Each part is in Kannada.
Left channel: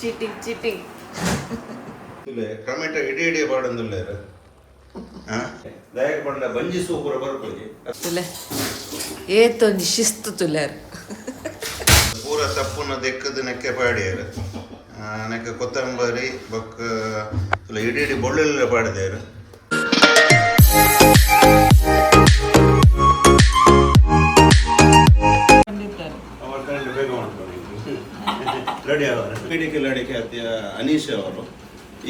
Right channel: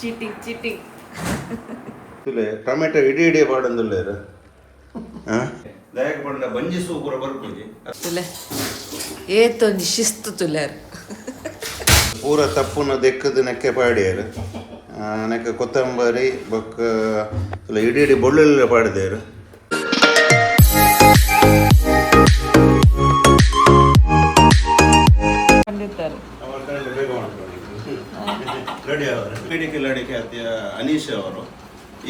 ಚೀಟಿಂಗ್ ಟೊಮೆಟೊ ಇಡೀ ಪಾಡಂದುಲ್ಲೇರು ದಯಕ್ಕೆ ಬಂಡ ಬಂಜಿ ಸೂಪುರ ಬರ್ಕೋಜಿ ತುಲೆ ಏತೊಂಜಿ ಶಿಸ್ತು ತುಲೇರು ಪೂರ ತಪ್ಪುನ ದೆಕ್ಕದು ನೆಕ್ಕೆ ಪಾಡ್ಯಾರು ನೆಕ್ಕ ಕೊತ್ತಂಬರಿ ಬೊಕ್ಕ ಇಡೀ ಬೊಳ್ಳೆಲ್ಲ ಪಾಡ್ದೇರು ಲಡಿಕೆ ಅತ್ಯ ಅನೀಶ್ ಅವರು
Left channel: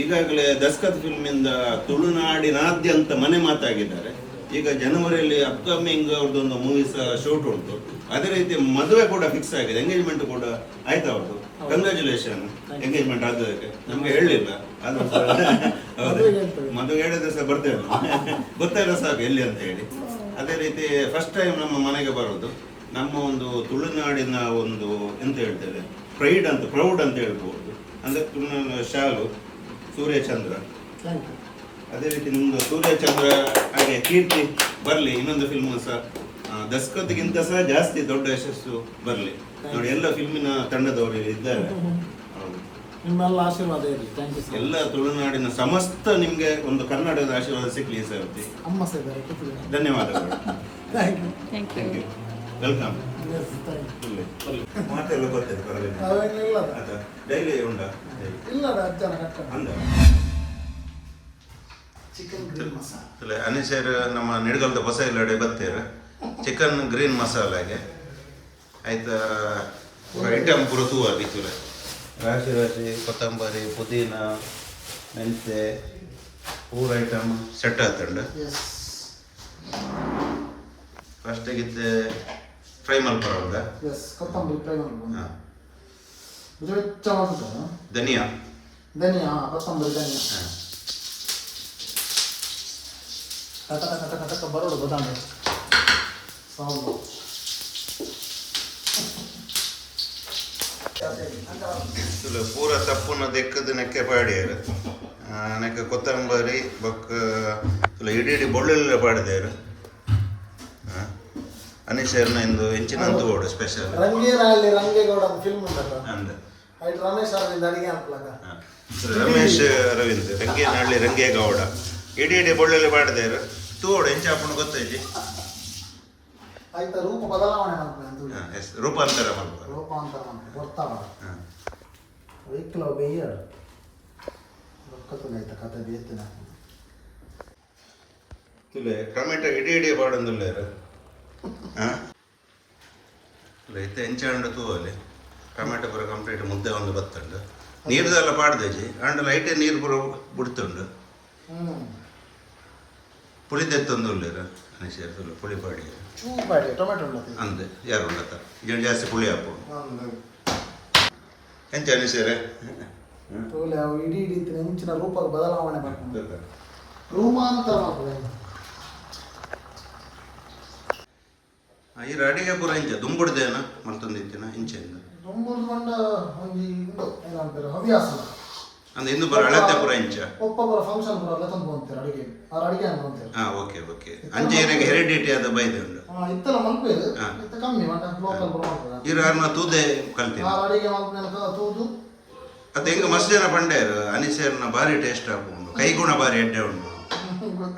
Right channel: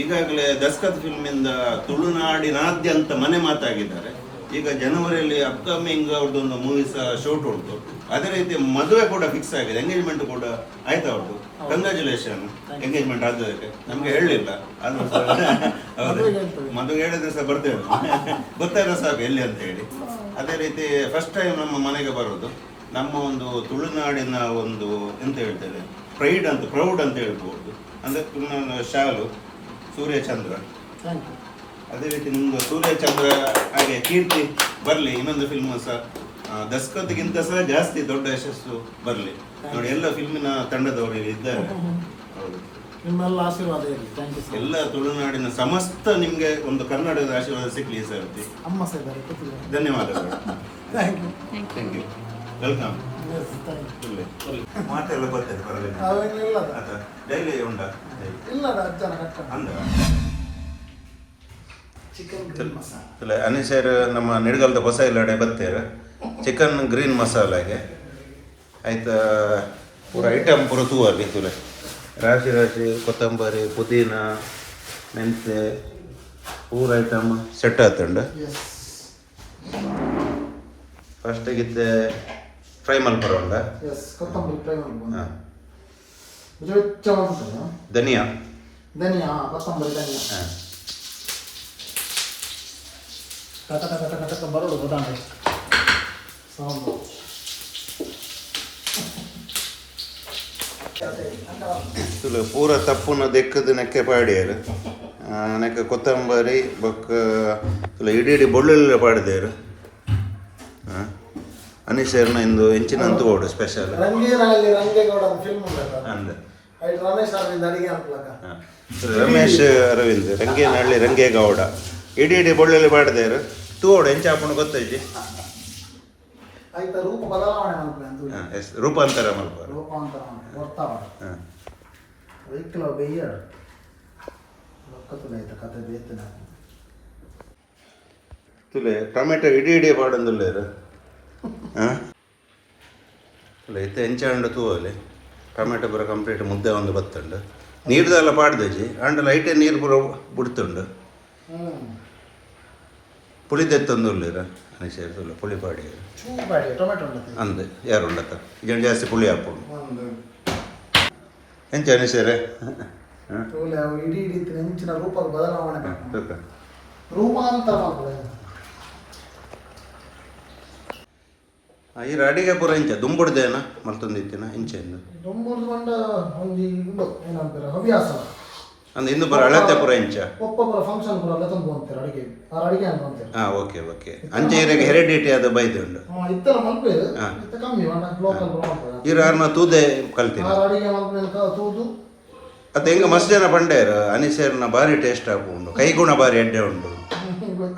ಈಗಾಗಲೇ ದಸ್ಕತ್ ಫಿಲ್ಮಿಂದ ತುಳುನಾಡಿನಾದ್ಯಂತ ಮನೆ ಮಾತಾಗಿದ್ದಾರೆ. ಈಗ ಜನವರಿಯಲ್ಲಿ ಅಪ್ಕಮಿಂಗ್ ಅವ್ರದ್ದೊಂದು ಮೂವೀಸ್ ಶೂಟ್ ಉಂಟು. ಅದೇ ರೀತಿ ಮದುವೆ ಕೂಡ ಫಿಕ್ಸ್ ಆಗಿದೆ, ಎಂಗೇಜ್ಮೆಂಟ್ ಕೂಡ ಆಯ್ತು ಅವ್ರದ್ದು. ಕಂಗ್ರ್ಯಾಚುಲೇಷನ್ ಎಂಗೇಜ್ಮೆಂಟ್ ಆಗೋದಕ್ಕೆ. ನಮ್ಗೆ ಹೇಳಲಿಲ್ಲ, ಮದುವೆ ಹೇಳಿದ್ರೆ ಸಹ ಬರ್ತೇವೆ, ಗೊತ್ತಾಗ ಸಾಕು ಎಲ್ಲಿ ಅಂತ ಹೇಳಿ. ಅದೇ ರೀತಿ ಫಸ್ಟ್ ಟೈಮ್ ನಮ್ಮ ಮನೆಗೆ ಬರೋದು. ನಮ್ಮ ಒಂದು ತುಳುನಾಡಿನ ಒಂದು ಎಂತ ಹೇಳ್ತೇವೆ ಪ್ರೌಡ್ ಅಂತ ಹೇಳ್ಬೋದು. ಅಂದ್ರೆ ತುಳುನಾಡಿನ ಶಾಲು ಸೂರ್ಯಚಂದ್ರ. ಅದೇ ರೀತಿ ನಿಮ್ದು ಸೂರ್ಯಚಂದ್ರ ಹಾಗೆ ಕೀರ್ತಿ ಬರಲಿ. ಇನ್ನೊಂದು ಫಿಲ್ಮ್ ಸಹ ದಸ್ಕತ್ಗಿಂತ ಸಹ ಜಾಸ್ತಿ ದೊಡ್ಡ ಯಶಸ್ಸು ಬರಲಿ ನೋಡಿ. ಎಲ್ಲ ಫಿಲ್ಮಿನ ತಂಡದವರು ಇದ್ದಾರೆ. ಹೌದು, ನಿಮ್ಮೆಲ್ಲ ಆಶೀರ್ವಾದ ಇರಲಿ. ಎಲ್ಲ ತುಳುನಾಡಿನ ಸಮಸ್ತ ನಿಮ್ಗೆ ಒಂದು ಕರ್ನಾಟಕದ ಆಶೀರ್ವಾದ ಸಿಗ್ಲಿ ಸರ್. ಅಮ್ಮ ಸರ್ ಧನ್ಯವಾದಗಳು. Thank you, welcome. ಮಾತೆಲ್ಲ ಬರ್ತದೆ ಪರವಾಗಿಲ್ಲ. ಡೈಲಿ ಉಂಟಾ? ಅಂದ ಅನಿಸೇರ್ ನಮ್ಮ ನಿಡ್ಗಲ್ದ ಹೊಸ ಎಲ್ಲಡೆ ಬತ್ತೇರ ಚಿಕನ್ ಗ್ರೀನ್ ಮಸಾಲಾಗೆ ಆಯ್ತಾ. ಪೂರ ಐಟಮ್ ಪೂರ ತೂವಲ್ಲಿ ತುಲೆ ರಾಶಿ ರಾಶಿ ಕೊತ್ತಂಬರಿ ಪುದೀನ ಮೆಂತೆ ಪೂರ ಐಟಮ್ ಸೆಟ್ ಆತಂಡು. ಫಸ್ಟಿಗಿತ್ತೆ ಫ್ರೈ ಮಲ್ಪರೋಲ್ಲ ಧನಿಯಾ ಕೊತ್ತಂಬರಿ ಧನಿಯಾ ಕಟಕ ಬರೋಡು ಗೊತ್ತಾಂಡೆ ಪೂರ ತಪ್ಪುನ ದೆಕ್ಕದು ನೆಕ್ಕೆ ಪಾಡ್ಯಾರು. ನೆಕ್ಕ ಕೊತ್ತಂಬರಿ ಬೊಕ್ಕ ಇಡೀ ಬೊಳ್ಳೆಲ್ಲ ಪಾಡ್ದೇರು. ಅನೀಶರ್ನ ಇಂದು ಎಂಚಿನಂತೂ ಓಡು ಸ್ಪೆಷಲ್ ರಮೇಶ್ ಅರವಿಂದ್ ರಂಗೇನಹಳ್ಳಿ ರಂಗೇಗೌಡ ಇಡೀ ಬೊಳ್ಳೆಲ್ಲ ಪಾಡ್ದೇರು ತೂಡು ಎಂಚಾಪಣ ಗೊತ್ತೈತಿ. ರೂಪಾಂತರ ತುಲೆ ಟೊಮೆಟೊ ಇಡೀ ಪಾಡಂದುಲ್ಲೇರು ಇತ್ತೆ ಎಂಚಾಂಡು ತೂವಲ್ಲಿ ಟೊಮೆಟೊ ಪೂರ ಕಂಪ್ಲೀಟ್ ಮುದ್ದೆ ಒಂದು ಬತ್ತುಂಡು. ನೀರ್ದೆಲ್ಲ ಪಾಡ್ದೇಜಿ ಅಂಡ್ ಲೈಟೇ ನೀರು ಪೂರ ಬಿಡ್ತುಂಡು. ಪುಳಿದೆತ್ತೊಂದು ಉಳ್ಳೀರ ಅನಿಸೇರ್ ತುಲ್ಲ ಪುಳಿ ಪಾಡಿ ಅಂದೆ ಯಾರು ಉಂಡತ್ತ ಈಗ ಜಾಸ್ತಿ ಪುಳಿ ಹಾಕೊಂಡು ಎಂಚ ಅನಿಸೇರೆ ಇಡೀ ಹೆಂಚಿನ ರೂಪದ ಬದಲಾವಣೆ ರೂಪಾಂತರ ಈ ಅಡಿಗೆ ಪೂರ ಇಂಚ ದುಂಬುಡ್ದೇನ ಮಲ್ತೊಂದಿತ್ತಿನ ಇಂಚೆಂದ ದುಂಬುಡ್ಕೊಂಡ ಒಂದು ಇದು ಏನಂತಾರೆ ಹವ್ಯಾಸ ಅಂದ್ರೆ ಇನ್ನು ಬರ ಅಳತೆ ಪೂರ ಇಂಚ ಒಬ್ಬೊಬ್ಬರ ಫಂಕ್ಷನ್ ಪೂರ ಎಲ್ಲ ತಂದು ಅಂತಾರೆ ಅಡಿಗೆ ಅಡಿಗೆ ಅಂತ ಅಂತಾರೆ. ಓಕೆ ಅಂಚೆ ಇರಗೆ ಹೆರಿಡಿಟಿ ಆದ ಬೈದೆ ಉಂಡು ಇತ್ತೆಲ್ಲ ಮಲ್ಪೇದು ಇತ್ತ ಕಮ್ಮಿ ಲೋಕಲ್ ಇರಾರ್ನ ತೂದೆ ಕಲ್ತೀನಿ ಅಡಿಗೆ ಮಲ್ಪೇನ ತೂದು ಅದು ಹೆಂಗ ಮಸ್ತ್ ಜನ ಪಂಡೇರು ಅನಿಸೇರ್ನ ಭಾರಿ ಟೇಸ್ಟ್ ಹಾಕೊಂಡು ಕೈಗುಣ ಭಾರಿ ಎಡ್ಡೆ ಉಂಡು.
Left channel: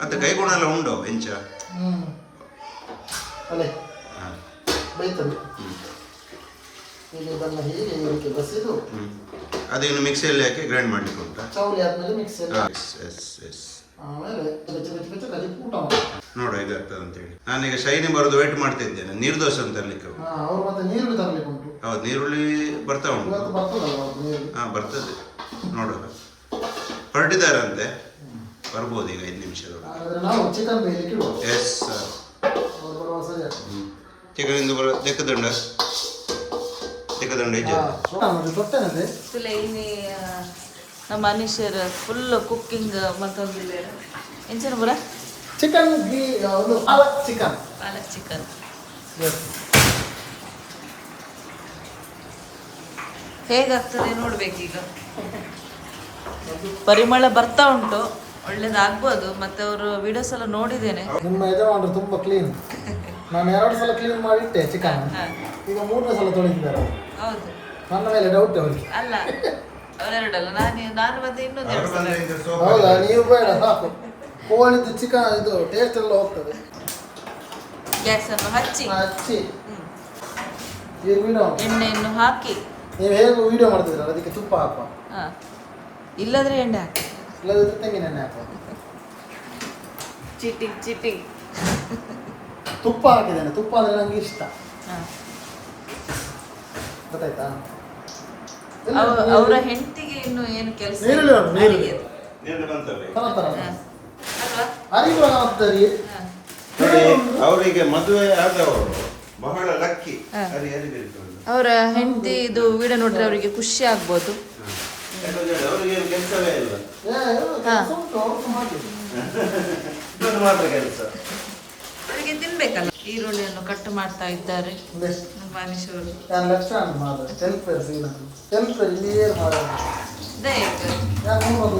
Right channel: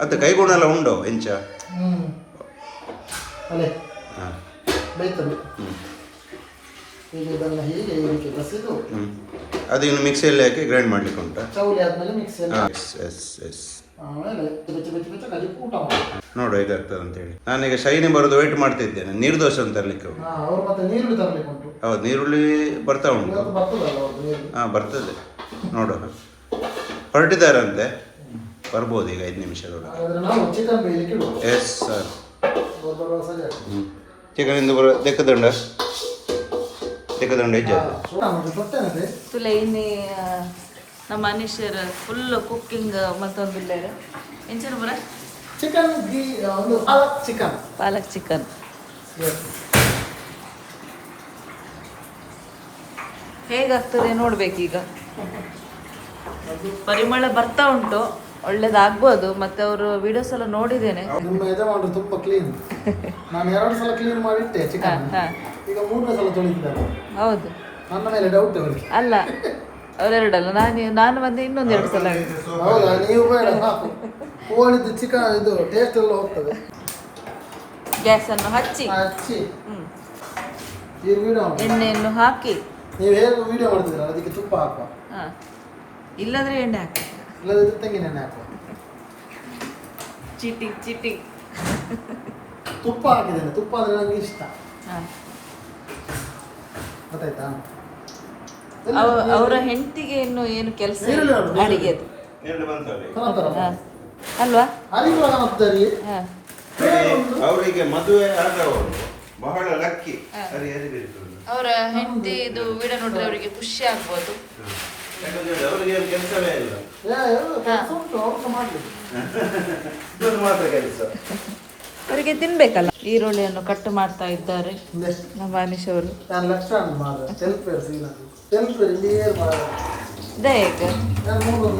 ಅದು ಕೈಗುಣ ಎಲ್ಲ ಉಂಡು ಎಂಚ ಅಲ್ಲೇ ಬೈತದೆ ಈಗ ಇದನ್ನು ಹೀಗೆ ಇದಕ್ಕೆ ಬಸಿದು ಅದಿನ್ನು ಮಿಕ್ಸಿಯಲ್ಲಿ ಹಾಕಿ ಗ್ರೈಂಡ್ ಮಾಡ್ಲಿಕ್ಕೆ ಉಂಟಾ? ಚೌಲಿ ಆದ್ಮೇಲೆ ಮಿಕ್ಸಿಯಲ್ಲಿ ಆಮೇಲೆ ಊಟ ಮಾಡಿ ನೋಡು ಹೇಗಾಗ್ತದೆ ಅಂತೇಳಿ. ನಾನೀಗ ಶೈನಿ ಬರೋದು ವೇಟ್ ಮಾಡ್ತಿದ್ದೇನೆ. ನೀರು ದೋಸೆ ಅಂತ ತರಲಿಕ್ಕೆ ಅವ್ರು ಮತ್ತೆ ನೀರುಳ್ಳಿ ತರಲಿಕ್ಕೆ ಉಂಟು. ಹೌದು, ನೀರುಳ್ಳಿ ಬರ್ತಾ ಉಂಟು. ಬರ್ತದೆ ನೋಡೋಣ. ಹೊರಟಿದ್ದಾರಂತೆ, ಬರ್ಬೋದು ಈಗ 5 ನಿಮಿಷದೊಳಗೆ. ಚಿಕನ್ ಬೇಯಲಿಕ್ಕೆ ಎಸ್ ಸರ್. ಚಿಕನ್ ಇಂದು ಲೆಕ್ಕದಂಡ ತುಲೆ ಇಲ್ಲಿ ನಮ್ಮ ಅನೀಶರ್ ಫುಲ್ ಕುಕ್ಕಿಂಗ್ ಮತ್ತೊಂದಿದ್ದಾರೆ. ಎಂಚನ ಬರ ಚಿಕನ್ ಪಾಲಕ್ ಚಿಕನ್ ಹೇಗಾಗ್ತದೆ ನೋಡ್ಬೇಕೀಗ. ಪರಿಮಳ ಬರ್ತಾ ಉಂಟು, ಒಳ್ಳೇದಾಗ್ಬೋದು. ಮತ್ತೆ ಅವರು ವಿಡಿಯೋಸ್ ಎಲ್ಲ ನೋಡಿದ್ದೇನೆ. ನಿಮ್ಮ ಯಜಮಾನರು ತುಂಬಾ ಕ್ಲೀನ್. ನಾನು 2 ಸಲ ಕ್ಲೀನ್ ಮಾಡಿಟ್ಟೆ ಚಿಕನ್, ಈಗ 3ನೇ ಸಲ ತೊಳಿತಿದ್ದಾರೆ. ಹೌದು, ನನ್ನ ಮೇಲೆ ಡೌಟ್ ಅವರಿಗೆ. ಅಲ್ಲ ಅವರೆರಡಲ್ಲ ನಾನು ಮತ್ತೆ ಇನ್ನೊಂದು ಎರಡು ಸಲ ಹೌದಾ ನೀವು ಬೇಡ ಸಾಕು ಕೋಳಿದ್ದು ಚಿಕನ್ ಇದು ಟೇಸ್ಟ್ ಎಲ್ಲ ಹೋಗ್ತದೆ ಗ್ಯಾಸನ್ನು ಹಚ್ಚಿ ಹಚ್ಚಿ ಈಗ ವಿಡಿಯೋ ಎಣ್ಣೆಯನ್ನು ಹಾಕಿ ನೀವು ಹೇಗೆ ವಿಡಿಯೋ ಮಾಡ್ತಿದ್ದೀರ ಅದಕ್ಕೆ ತುಪ್ಪ ಹಾಕುವ ಹಾಂ ಇಲ್ಲಂದ್ರೆ ಎಣ್ಣೆ ಹಾಕಿ ಇಲ್ಲದಿದ್ರೆ ತೆಂಗಿನ ಎಣ್ಣೆ ಹಾಕುವ ಚೀಟಿಂಗ್ ತುಪ್ಪ ಹಾಕಿದ್ದೇನೆ ತುಪ್ಪ ಅಂದರೆ ನನಗೆ ಇಷ್ಟ ಹಾಂ ಗೊತ್ತಾಯ್ತಾ ಅವರ ಹೆಂಡತಿಗೆ ಇನ್ನು ಏನು ಕೆಲಸ ನೀರುಳ್ಳಿ ಉಂಟು, ನೀರುಳ್ಳಿ. ಅಡಿಗೆದು. ನೀರು ಬಂತಲ್ಲ ಈಗ. ತರಂತರ ಹಾಂ ಅಲ್ವಾ ಅರಿಗುಳ ಆಗ್ತದೆ ಹಾಂ ನೋಡಿ, ಅವರಿಗೆ ಮದುವೆ ಆದವರು ಬಹಳ ಲಕ್ಕಿ ಅರಿಬೇಕು ಅವರ ಹೆಂಡತಿ ಇದು ವಿಡಿಯೋ ನೋಡಿದ್ರೆ ಅವರಿಗೆ ಖುಷಿ ಆಗ್ಬೋದು. ಯಾಕಂದ್ರೆ ಅವರಿಗೆ ಕೆಲಸವೇ ಇಲ್ಲ ಕೆಲಸ ಉಂಟು ಅವ್ರದ್ದು ಮಾಡಲಿ ಇದೊಂದು ಮಾತ್ರ ಕೆಲಸ. ಅವರಿಗೆ ತಿನ್ಬೇಕಲ್ಲ. ಈರುಳ್ಳಿಯನ್ನು ಕಟ್ ಮಾಡ್ತಾ ಇದ್ದಾರೆ ನಮ್ಮ ಅನೀಶ್ ಅವರು. ನಾನು ಲಕ್ಷ ಮಾಡ ತೆಲ್ಪೇರು ಸೀನದು ತೆಲ್ಪೇರು ಇಲ್ಲಿಯೇ ಮಾಡ ಇದೇ ಆಯ್ತು. ನಾನು ಮೂರು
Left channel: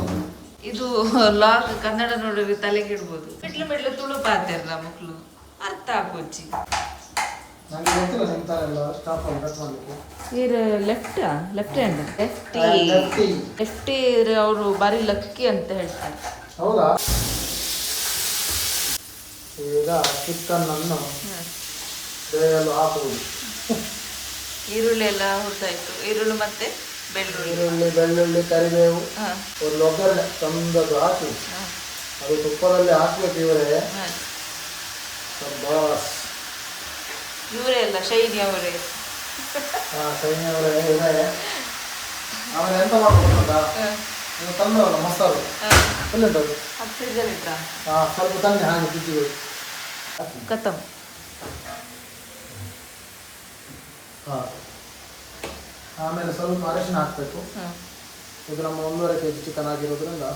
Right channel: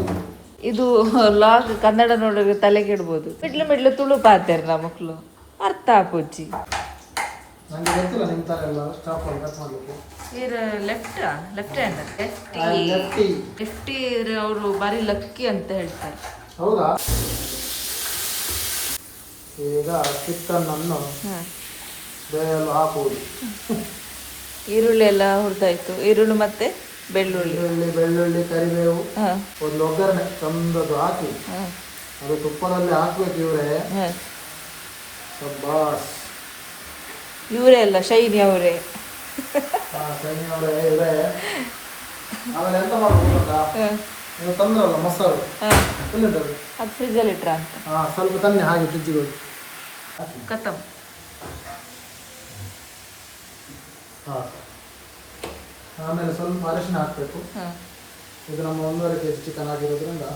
ಇದು ಲಾಗ್ ಕನ್ನಡ ನೋಡಿದ್ರೆ ತಲೆಗೆ ಇಡ್ಬೋದು. ಮಿಡ್ಲು ತುಳು ಪಾತಾರೆ ನಮ್ಮ ಮಕ್ಕಳು ಅರ್ಥ ಹಾಕೋಚಿ. ನನಗೆ ಗೊತ್ತಿಲ್ಲ ನಿಮ್ಮ ಥರ ಎಲ್ಲ ಸ್ಟಾಪ್ ಅಲ್ಲಿ ಕಟ್ ಮಾಡಲಿಕ್ಕೆ ಲೆಫ್ಟ್ ಹ್ಯಾಂಡ್ ಲೆಫ್ಟಿ ಲೆಫ್ಟಿ ಅವರು ಬಾರಿ ಲಕ್ಕಿ ಅಂತ ಹೇಳ್ತಾರೆ. ಹೌದಾ ಈಗ ಚಿಕನ್ ಅನ್ನು ಹಾಂ ಬೇಲು ಹಾಕುವುದು ಈರುಳ್ಳಿ ಎಲ್ಲ ಹುರಿದಾಯ್ತು. ಈರುಳ್ಳಿ ಮತ್ತೆ ಬೆಳ್ಳುಳ್ಳಿ. ಈರುಳ್ಳಿ ಬೆಳ್ಳುಳ್ಳಿ ಕರಿಬೇವು ಹಾಂ ಒಂದು ಒಗ್ಗರಣೆ ಚಂದದ್ದು ಹಾಕಿ ಹಾಂ ಅದು ತುಪ್ಪದಲ್ಲಿ ಹಾಕ್ಬೇಕು ಇವರೇ ಹಾಂ ಬಾಸ್ ಇವರೇ ಅಲ್ಲ ಶೈನಿ ಅವರೇ. ಸೈನ್ಯವರೇ ಇವರೇ ಆಮೇಲೆ ಎಂತ ಮಾಡ್ಬೇಕಂತ ನೀವು ತಂದವಲ್ಲ ಮೊಸರು ಹಾಂ ಎಲ್ಲಿಂಟದು ಅದು ಫ್ರಿಜ್ಜಲ್ಲಿ ಇಟ್ರ ಹಾಂ ಸ್ವಲ್ಪ ತನ್ನಿ ಹಾಗೆ ಫ್ರಿಜ್ಜಿಗೆ ಹೋಗಿ ಕತ್ತಮ್. ಹಾಂ ಆಮೇಲೆ ಸ್ವಲ್ಪ ಅರಿಶಿನ ಹಾಕಬೇಕು. ಹಾಂ ಇದು ನಮ್ಮ 1.5 kg ಚಿಕನ್ ಆಗಿರೋದ್ರಿಂದ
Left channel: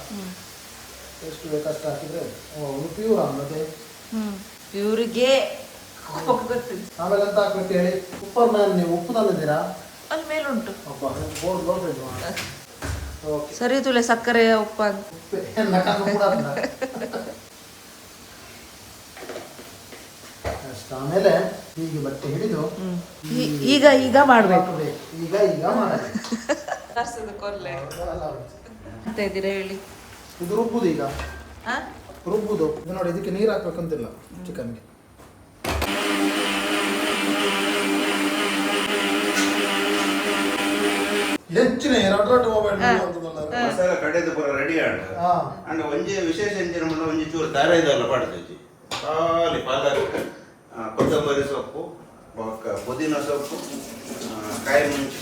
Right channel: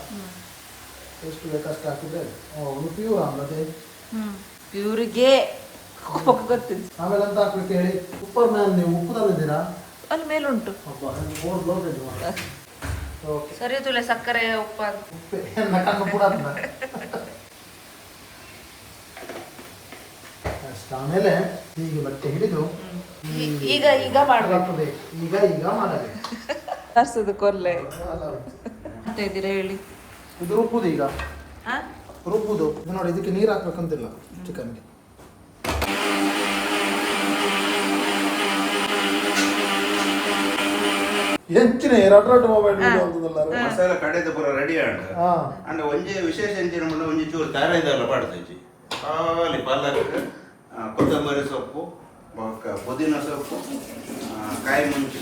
ಎಷ್ಟು ಬೇಕಷ್ಟು ಹಾಕಿದರೆ ಒಂದು ಪ್ಯೂರ್ ಅನ್ನೋದೇ. ಇವ್ರಿಗೆ ಗೊತ್ತಿಲ್ಲ. ಆಮೇಲೆ ಎಂತ ಹಾಕ್ಬೇಕು ಹೇಳಿ ಉಪ್ಪನ್ನ ನೀವು ಉಪ್ಪು ತಂದಿದ್ದೀರಾ ಅಲ್ಲಿ ಮೇಲುಂಟು. ಬೋರ್ಡ್ ಲೋಡ್ ಓಕೆ ಸರಿ ತುಳೆ ಸಕ್ಕರೆ ಉಪ್ಪ ಕಣ್ಣು ಕೂಡ ಅಷ್ಟು ಆಮೇಲೆ ಹೀಗೆ ಬಟ್ಟೆ ಹಿಡಿದು ಈಗ ಮಾಡ್ಬೇಕು. ಈಗ ಮಾಡಬೇಕು ಕೊರ್ಲೆ ಅಂತ ಇದ್ದೀರಾ ಹೇಳಿ. ಇದು ರುಬ್ಬುದು ಈಗ ಆ ರುಬ್ಬುದು ಇದು ನೋಡಿ ಇದಕ್ಕೆ ನೀರು ಹಾಕ್ಬೇಕಂತಿಲ್ಲ ಚಿಕನ್ಗೆ. ಹೆಚ್ಚಿನ ಎರಡು ಮೊಬೈಲ್ ಮಸಾಲ ಕಡೆದು ಪೂರ ರೆಡಿ ಆಂಡ ಅಂಡ ಒಂಜಿ ವಿಶೇಷ ಎಂಚಿನ ಮುಂದೆ ಒಂಜಿ ಚೂರು ದಾರ ಇದೆಲ್ಲ ಪಾಡ್ತೈತಿ ಖಾಲಿ ಪಾಲಕ್ ಕೊತ್ತಂಬರಿ ಸೊಪ್ಪು ಬೊಕ್ಕ ಪುದೀನ ಸೊಪ್ಪು ಕಾಯಿ ಮುಂಚಿ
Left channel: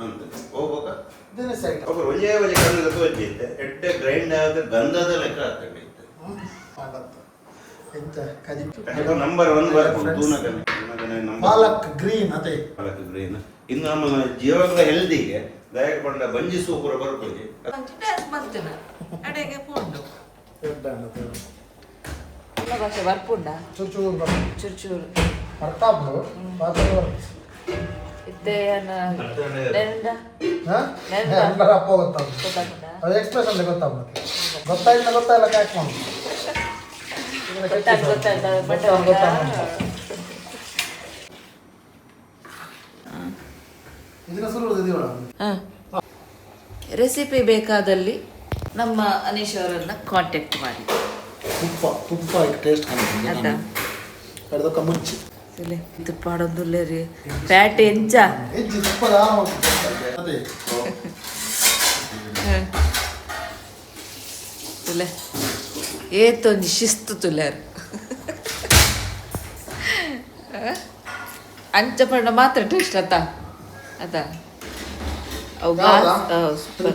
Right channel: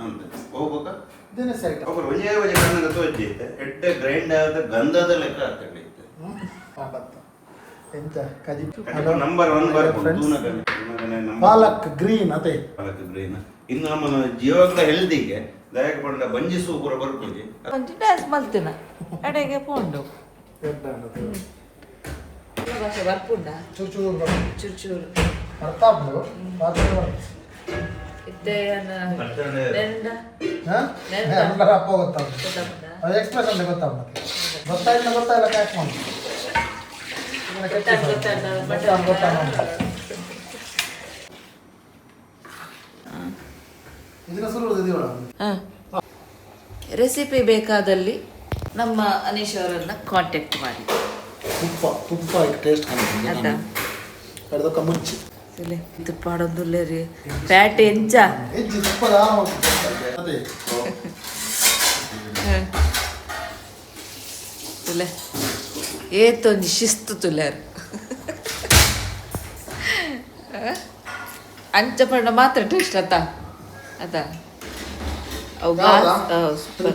ಅಂತ ಹೋಗ್ಬೇಕ ಒಬ್ಬರು ಒಂಜೇ ಒಂಜಿ ಕಣ್ಣಲ್ಲಿ ತೋಚಿತ್ತೆ ಎಡ್ಡೆ ಗ್ರೈಂಡ್ ಆದ ಗಂಧದ ಲೆಕ್ಕ ಹಾಕೊಂಡಿತ್ತೆ ನಂಬರ್ 1 ಬರ್ಕೊಂಡು ತೂನಕನೆ ಪಾಲಕ್ ಗ್ರೀನ್ ಅದೇ ಪಾಲಕ್ ಗ್ರೀನ್ ಇನ್ನು ನಮ್ಮ ಜೀವಗಳ ಹೆಲ್ದಿಗೆ ದಯಕ ಬಂದ ಬಂಜಿ ಸೂಪುರ ಬರ್ಕೋಜಿ ಡ್ಯಾನ್ಸ್ ಮಾಡ್ತೇನೆ ಅಡೆಗೆ ಪೋಂಡು ಭಾಷೆ ಬರ್ಪುಂಡ ಚೂರು ಚೂರು ಬರ್ತಾಬ್ಲು ಇತ್ತೆ ಅಪ್ಪ ಗೊತ್ತಾಗ ಎಕ್ಸ್ಪ್ರೆಷನ್ ಗೊತ್ತಾಗ ಗೊತ್ತಾಯಿಲ್ಲ ಕ್ಯಾಕ್ ಮಾಡಿ ರೆಸಿಪಿ ಬೇಕಾದಲ್ಲಿ ನಮ್ಮ ಅನೀಶ್ ಅವರನ್ನ ಕಾಂಟ್ಯಾಕ್ಟ್ ಮಾಡಿ. ತುಪ್ಪ ಟೇಸ್ಟ್ ಅದ ಕಡ್ದಕ್ಕ ಮುಚ್ಚಿ ತುಪ್ಪ ಆಡೊಂದುಲ್ಲೆ ರೀ ಫ್ಯಾಟ್ ಎಂಚ ಹೆಚ್ಚು ತುಪ್ಪದ ಅದೇ ತುಲೆ ಏತೊಂದು ಶಿಸ್ತು ತುಲೆರ್ ಅಂಚ ಪಂಡ ಮಾತ್ರ ಟೇಸ್ಟ್ ಅದ ಅವು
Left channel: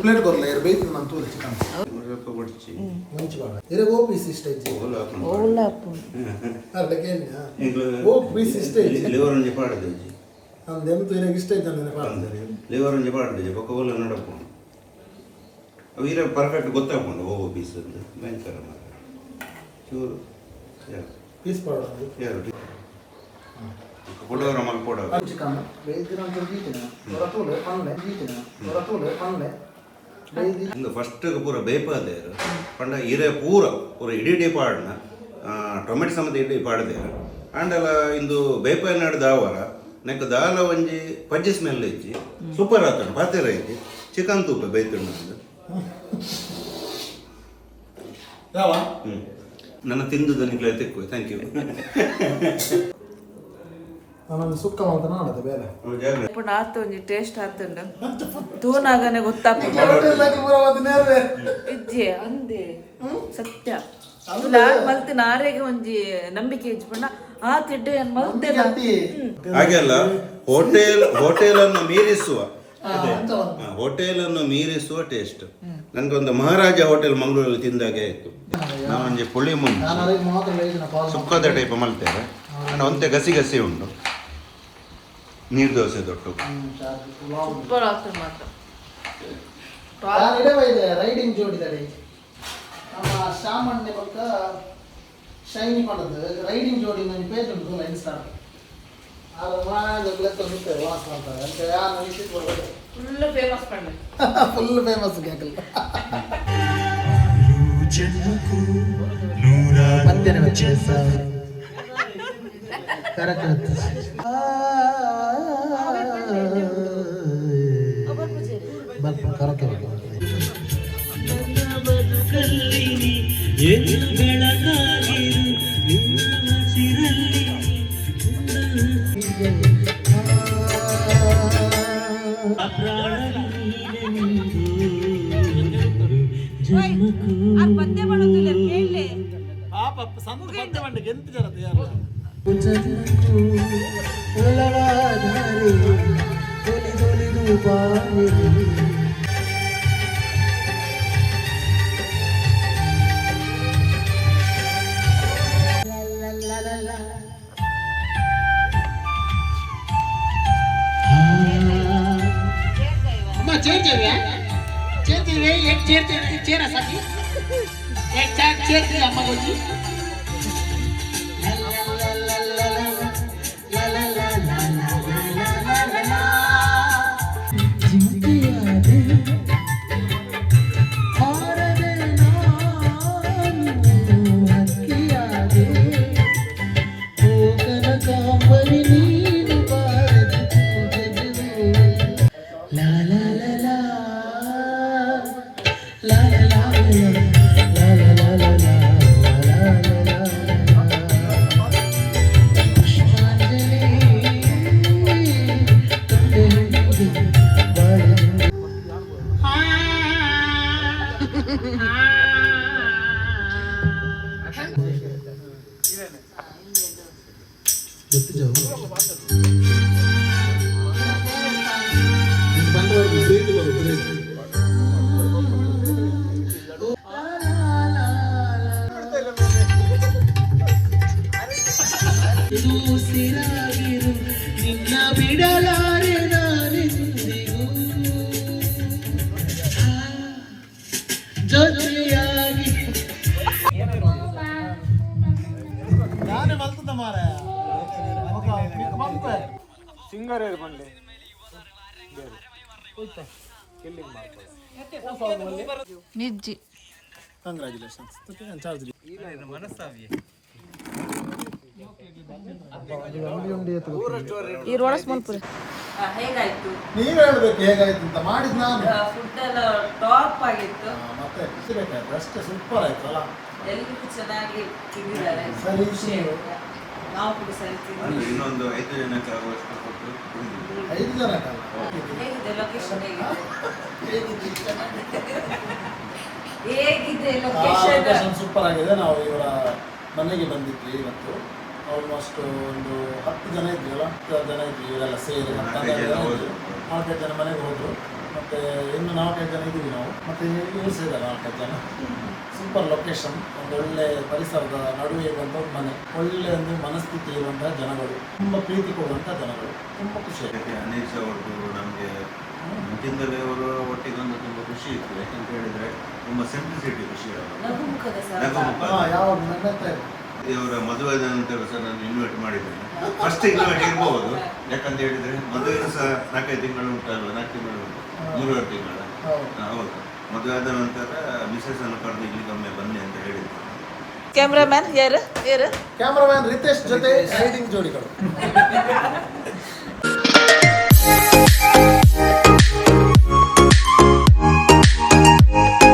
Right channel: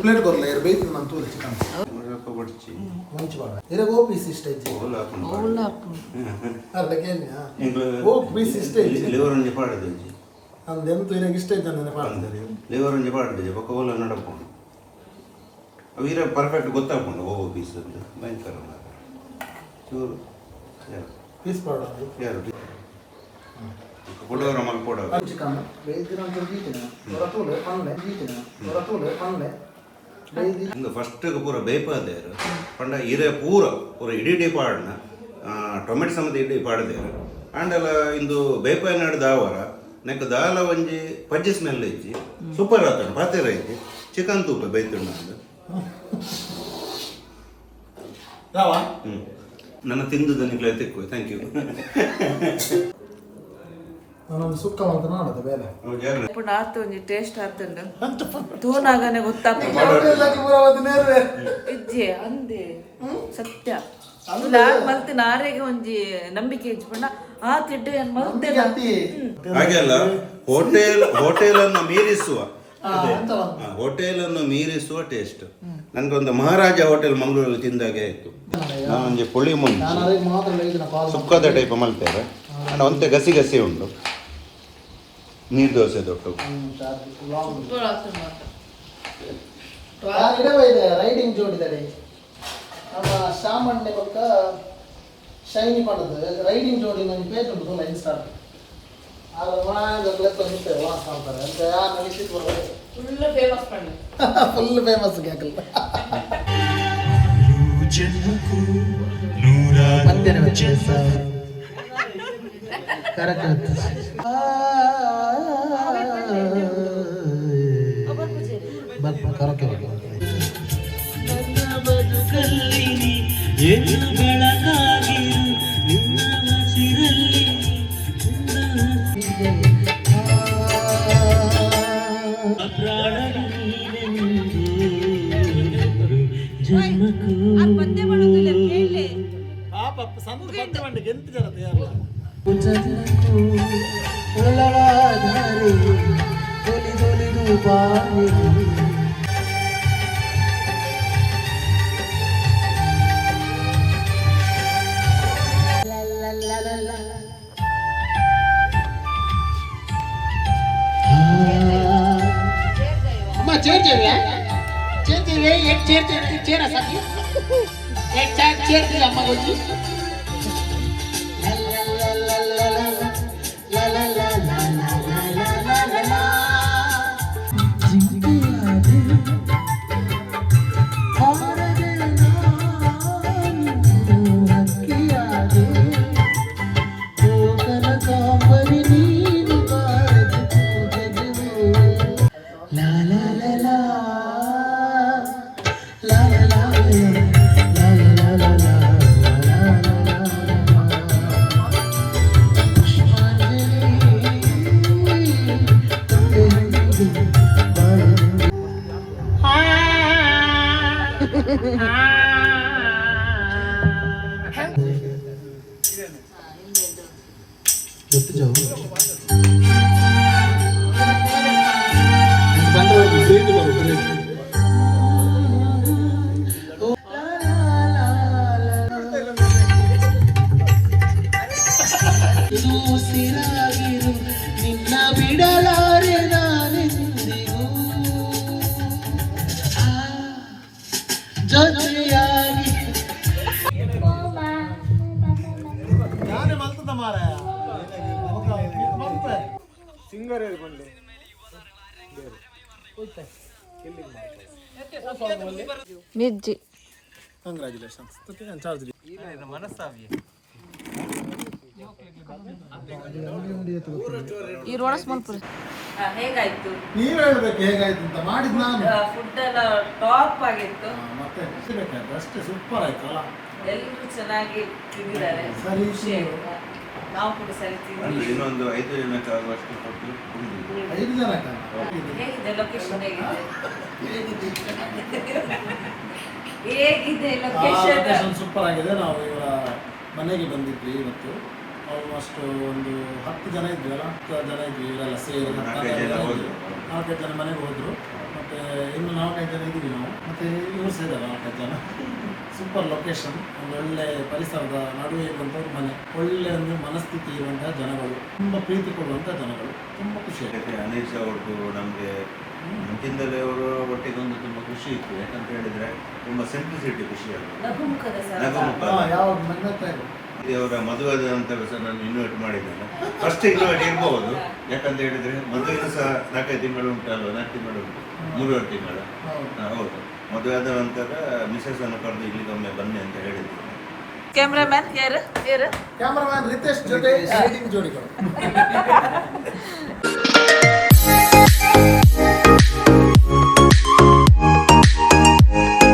ಪ್ಲೇಟ್ ಕೊರ್ಲ ಇರ್ ಬೇಯ್ತು ನಾನು ತೂಲೆ ಚಿಕನ್ ಸ್ವಲ್ಪ ಬಡ್ಚಿ ಮುಂಚೆ ಬಾಡ ಇರೆ ಓ ಪೀಸ್ ಇಷ್ಟ ಐತಿ ಓಲ್ ಹಾಕೊಂಡು ಅಲ್ಲ ಕೇಳ್ನ್ಯಾ ಓ ಪೀಸ್ ಇಷ್ಟ ಐತಿ ಲಿವರ್ ಒಂಜಿ ಪಾಡದೆಜಿ ಅಂದೆಂತು ಇರಗೆ ಇಷ್ಟ ಐತಿ ಅಂದ್ರೆ ಪಾಡ್ತಾರೆ ಲಿವರ್ ಒಂಜಿ ಪಾಡದೆಜಿ ಬೊಕ್ಕ ಓಲ ನಡಕೊಂಡು ಅವು ಇರ ಪರ್ಫೆಕ್ಟ್ ಗೊತ್ತಾಗ್ಕೊಂಡು ಓ ಪೀಸ್ ಅಂತ ಭಯಂಕರ ಮಾತ್ರ ಚೂರು ಪೀಸ್ ಪಾಡೋದು ಯಾರು ಕೊಡೋರ ಮಗ ಕೊಡೋರು ಚಿಕನ್ ಬೇಯ್ದಿರ ಅಂತ ಗೀತಿನ ಹೊರತೂಲೆ ಪನ್ಲೆ ಗೀತಿನ ಹೊರತೂಲೆ ಪನ್ಲೆ ಬೇಯ್ದಿ ಇಂದು ಫಸ್ಟ್ ಪೂರ ಬೇಯ್ಪಾದೇರು ಪಂಡ ಇರೆ ಪೂರ ಇಡೀ ಪಾಡ್ನ ಟೊಮೆಟೊ ಸಮೇತ ಇಡೀ ಪಾಡ್ದೇರು ಆಂಡಲ ಇಂದು ಬೇಯ್ಪಾಯ್ ನಾಡು ದಾವರ ನೆಕ್ ದಾಲ ಒಂಜಿ ಪಜ್ಜಿ ಸ್ಮೆಲ್ ಇಜ್ಜಿ ಸೂಪರ್ ಆತಣ ಪಾತೆರ ಇಜ್ಜಿ ಚಿಕನ್ ತೂಪ ಬೈತುಂಡು ನಂದು. ನನ್ನ ತಿಂದುದ ನಿಗ್ಲ ತೆಕ್ಕು. Thank you. ನಾನೊಂದು ಸುಕ್ಕ ಅಂತ ನಾಡದೆ ಬೇರೆ ఇప్పుడు ఆతు ಒಂಜಿ ಟೇಸ್ಟ್ ಆತುಂಡು ತೂನಾಗನೆ ಗೊತ್ತಾಗ್ತದೆ ಇಜ್ಜೆ ಅಂದೆ ಸತ್ಯ ಇಲ್ಲ ಮಲ್ತಿನ ಆರೆಗೆ ಒಂಜಿ ನಂಬಿಕೆ ಇಜ್ಪುಂಡ ಆ ತಿಡ್ಡು ಏನ್ ಮಲ್ತೆನ ಹಾಗೆ ಅಲ್ಲ, ಹೋಟೆಲ್ ಅನ್ನು ಮೀರಿಸುವ ಹೋಟೆಲ್ ಅನ್ನು ಮೀರಿಸುವ ಟೇಸ್ಟ್. ನನ್ಗೊಂದು ಮಹಾರಾಜ ಹೋಟೆಲ್ ಮಂಗಳೂರಲ್ಲಿ ತಿಂದಾಗೆ ಆಯ್ತು. ಒಂಜಿ ಪುಳಿ ಮುಂಚೆ ಸುಕ್ಕದ ಟೈಪ್ ಮಲ್ತೇವೆ, ಒಂತೆ ಗಸಿ ಗಸಿ ಉಂಟು. ನೀರು ದೋಸೆ ದೊಡ್ಡ ಸೂಪರ್ ಆಗ್ತದೆ ಮಾತ್ರ. ರೈಡಿಂಗ್ ಜೋಡಿದ್ದಾರೆ ನಮ್ಮ ಶಾಮಣ್ಣೆ ಪಕ್ಕ ಶೈನಿ ಮಾಡೋದು ರೈಡಿಂಗ್ ಜೋಡಿ ನನ್ನ ಪೇಜ್ ಉಂಟು ಇನ್ಸ್ಟಾ ಅದು ನಿಂತೇವೆ ವಾಸ ಅಂತಾರೆ ಅಂತ ಯಾರು ವಿಸಿಟ್ ಮಾಡೋದು ಫುಲ್ ಫೇಮಸ್ ಪಂಡ ಫುಲ್ ಫೇಮಸ್ ಕೇಕಲ್ಲ ಕರೆಕ್ಟ್ ನಿನ್ನ ಬಿಡಲಾರೆ ನಾನೆಂದಿಗೂ ಜೊತೆಯಾಗಿ ಯಾರೇ ಮಲ್ತದ ಮಾರ ಸಿಂಗರ್ ಬಂಡೆ ನಿಜ್ಜಿ ಕಂಗ್ರಾಚುಲೇಷನ್ಸ್ ಚಾರ್ಜ್ ಈ ರೋಡ ಸ್ಮಾಲ್ ಹೇಗಾಯ್ತು ನೀವ್ ಹೇಳ್ಬೇಕು ಹೇಗಾಯ್ತು ಅಂತ ಮಾಡಿದ್ ನಾನು ಫುಡ್ ಎಲ್ಲ ಟಾಪ್ ಆಗಿತ್ತು ಮತ್ತೆ ಅಷ್ಟೇ ಸೂಪರ್ ಆಯ್ತಲ್ಲ ಎಲ್ಲರೂ ಚೆನ್ನಾಗಿ ತಿಂದಿದ್ದಾರೆ ಸರಿ ಖುಷಿ ಆಯ್ತು ನಾವು ಕೂಡ ಸರಿ ತಿಂದಿದ್ದೀವಿ ಇನ್ನೊಂದು 5 ಜನಕ್ಕೆ ಆಗುವಷ್ಟು ಕೊಟ್ಟು 5 ಜನ ಹೇಗಿದೆ ಲೊಕೇಶನ್ ಹೇಗಿದೆ ಲೊಕೇಶನ್ ಸೂಪರ್ ಆಗಿದೆ. ನಾವು ಇವರ ಮನೆಗೆ ಬಂದಿದ್ವಿ ಇವತ್ತು. ಆಲ್ಮೋಸ್ಟ್ ಒಂದು 10 ಜನ ಇದ್ವಿ ಅಲ್ಲ, 10 ಜನ ಇದ್ವಿ ಇವರೆಲ್ಲ ಸೇರಿ. 4-5 ಜನ ಮನೆಗೆ ಹೋದ್ರು. ಮತ್ತೆ ಇನ್ನು 4-5 ಜನ ಇದ್ದೀವಿ ನಾವು. ಮತ್ತೆ ಇವರು ಸೇರಿದಲ್ಲ 4-5 ಜನ. ಸೂಪರ್ ಲೊಕೇಶನ್, ಒಂದು ಒಳ್ಳೆ ಪರಿಸರದ ನಡುವೆ ಇರುವಂಥ ಒಂದು ಮನೆ, ಒಳ್ಳೆ ಒಂದು ಮನಸ್ಥಿತಿ ಇರುವಂತಹ ಜನಗಳು, ತುಂಬ ಪ್ರೀತಿ ಕೊಡುವಂತಹ ಜನಗಳು, ತುಂಬ ಖುಷಿ ಆಗುತ್ತೆ. ಅನೀಶ್ ಅವ್ರದ್ದು ನಮಗೆ ಮುಂಚಿಂದಲೇ ಅವರು ಒಟ್ಟಿಗೆ ಒಂದು ತುಂಬ ಖುಷಿ ಇತ್ತು. ಯಾಕಂತ ಹೇಳಿದ್ರೆ ತುಂಬ ಸಿಂಪ್ಲಿಸಿಟಿ ಖುಷಿ ಅವರ ಮದುವೆ ನಂತರ ಸಹ ನಾನು ಇನ್ವೈಟ್ ಮಾಡಿದ್ದೇನೆ. ಫಸ್ಟ್ ಇನ್ವೈಟ್ ಇರ್ಬೋದು, ಯಾಕಂತ ಹೇಳಿದ್ರೆ ಮದುವೆನೂ ಸಹ 4-5 ತಿಂಗಳು ಉಂಟಲ್ವ, 4 ತಿಂಗಳು ಉಂಟು, 3 ತಿಂಗಳು. ಹೌದು, ಮದುವೆ ಆದ ನಂತರ ಮಿಸಸ್ ಅನ್ನು ಕರೆದು ಇಲ್ಲಿಗೊಮ್ಮೆ ಬನ್ನಿ ಅಂತ ಹೇಳಿದ್ರು. ಕ್ಯಾಮ್ರಾಮನ್ ಯಾರು ಕ್ಯಾಮ್ರಾಮನ್ ರಿತೇಶ್ ಜೊತೆ ಶೂಟಿಂಗ್ ಜೋಡಿಗಳು.